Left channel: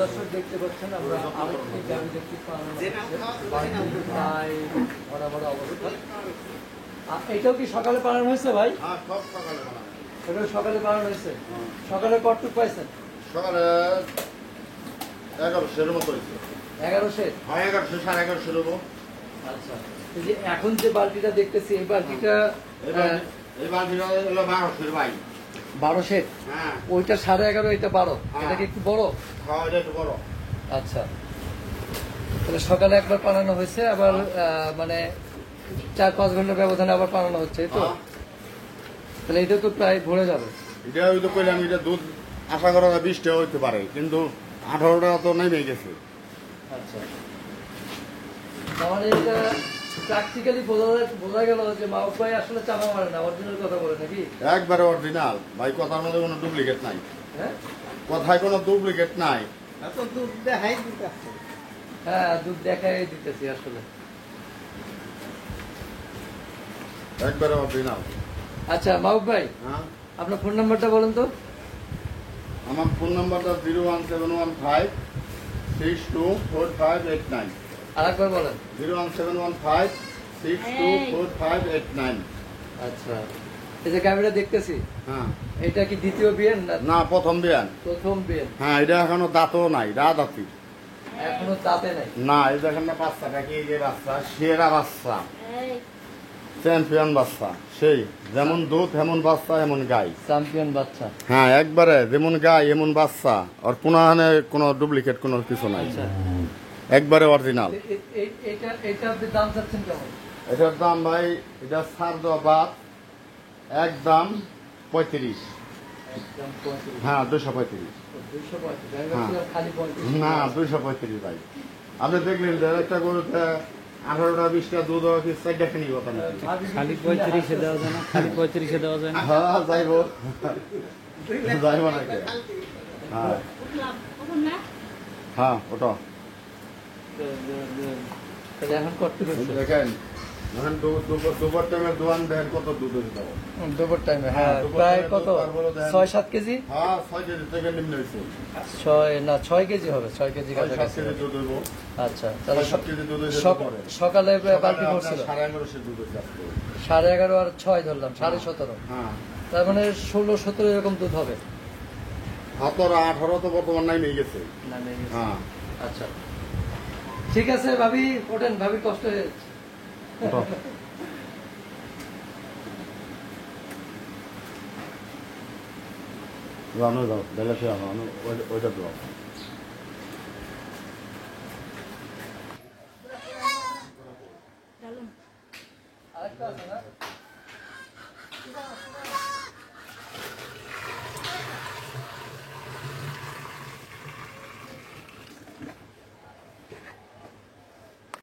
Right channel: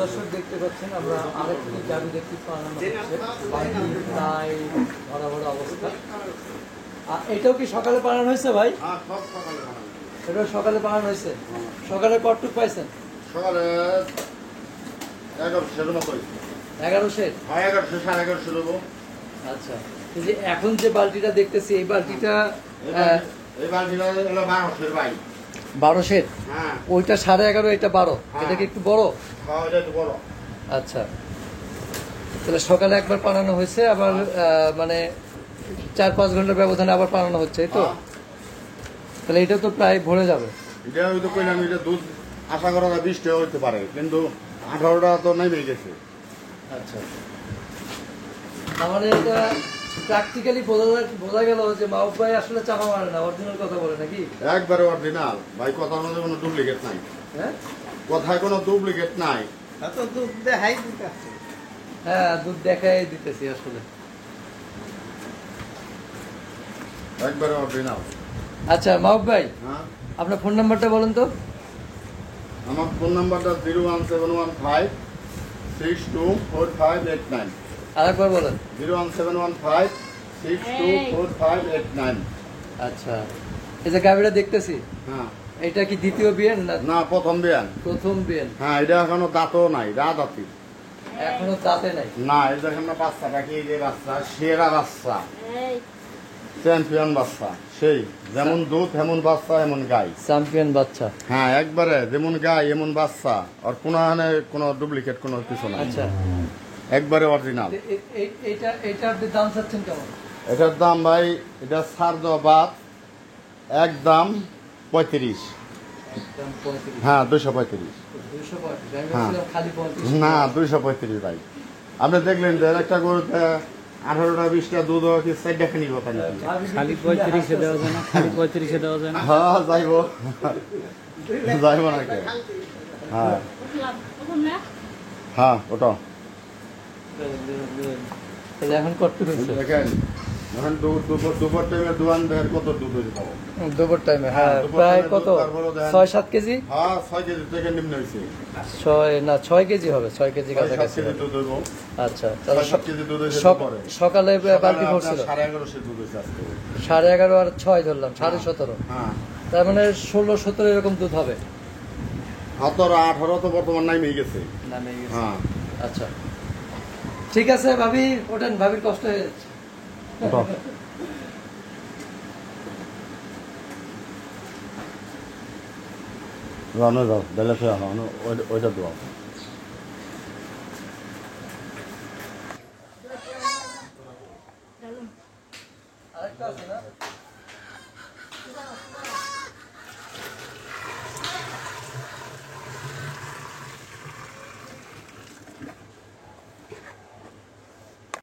দর্শক দেখতে পাচ্ছেন আমরা আরেকটি গাড়ি দেখতে ভরা ভরা অবস্থা। এটাও কি সকালে পালানো হয়েছে ভাই? এটাও সকালে পালানো হয়েছে। সকালে কতটুকু পাইছেন? সকালে 1100 মতো। 1100? হ্যাঁ 1100 সাড়ে 1100 দেবো। আচ্ছা, এই যে এখন যে বালতিটা দেখতেছি এই বালতিটা এই বালতিটা হলো 1200 ভাই। 1200? হ্যাঁ। ওইটা 11.5, এটা 12। এটা কি একটু বড়? হ্যাঁ এটা একটু বড়। আচ্ছা, তাহলে সকালে একবার পালানো হয়েছে, আবার মানে 4-5 ঘন্টার ব্যবধানে আবার পালানো হচ্ছে, এই তো? তাহলে এটা তো প্রায় ভরে যাবে। এটা ওই তো কইলাম, এটা দুধ আশা করা 20 টাকা হইতে পারে, কিন্তু 18 টাকা তো নেমে গেছে। আচ্ছা, মানে এটা প্র্যাকটিক্যালি বোঝা গেল যে মাহবুব ভাই আসলে চাপা মারে না, অরিজিনাল কথা বলে নাকি? একবারে অরিজিনাল ভাই, কথার মধ্যে কোনো ডুপ্লিকেট নাই। হ্যাঁ, কথায় কোনো ডুপ্লিকেট নাই। দুধ দেখাই দিতেছে। হ্যাঁ, দুধ দেখাই দিতেছি আসলে। একবারে অরিজিনাল। আচ্ছা মাহবুব ভাই, হ্যাঁ, আপনার ফোন নাম্বারটা বলুন তো। আমার ফোন নাম্বারটা 01715624589। আরেকবার বলেন। 01715624589। আচ্ছা, এই যে গাড়িটা দেখতেছি, হ্যাঁ, এটা কি দ্বিতীয় বিয়ে না প্রথম বিয়ান। প্রথম বিয়ে? হ্যাঁ, এটা এখনো দাঁতও নাই, দাঁতি এখনো দাঁতে নাই? না, এটা দেখেন না বাচ্চাটা, কি যে বাচ্চা, সেরা বাচ্চা, চ্যাম্পিয়ন বাচ্চা, সেই যেমন দুধ এমন বাচ্চা এমন গাই, চ্যাম্পিয়ন বাচ্চা। হ্যাঁ একবারে যেমন গাই এমন বাচ্চা, আর কোনো ডুপ্লিকেট কোনো কিছু নাই। আচ্ছা, একবারে অরিজিনাল। এটা আপনি দাম চাচ্ছেন কেমন? এটার দাম ভাই, এটা ছাড় দেওয়া বাদ, একদম 35। হ্যাঁ 235। না 235 ভাই। আপনি দেখলেন যে একটা গরুতে 18টা 20টা দুধ কি 4টা খানি কথা না, খালি 35-এ দেওয়া যায় না? খালি 35-এ দেওয়া যায় না? হ্যাঁ যাইব যাইব নাকি? হ্যাঁ হ্যাঁ ওটা এখন করতে দেখেন, এখন দুপুর টাইমে দোয়ান বের কত দুধ হয়েছে পাবো। দুপুর টাইমে? হ্যাঁ, প্রায় কত 6-7 কেজি? হ্যাঁ 6 কেজি থেকে নিম্ন হয়েছে। 6 কেজি হবে, 6 কেজি কাছাকাছি। দুধ হইব। আচ্ছা, তাহলে 7 কেজি দুধ হয়েছে। সকালে বালতি ভরছিল 11:30 দুধ হয়েছে আজকে। 11:30 আর 6 ধরলাম 17.5। হ্যাঁ, তার মানে 16-17 এরকম দুধ হবে। 17-18 তো বর্তমান নাই মেয়ে গেছে। হ্যাঁ আচ্ছা, ঠিক আছে ভাবি, ওঠেন, ভাবির কষ্ট হয়ে যাচ্ছে। রান্না দাও, বেলা সে ওইটা দাও। আরেকটা আছে না?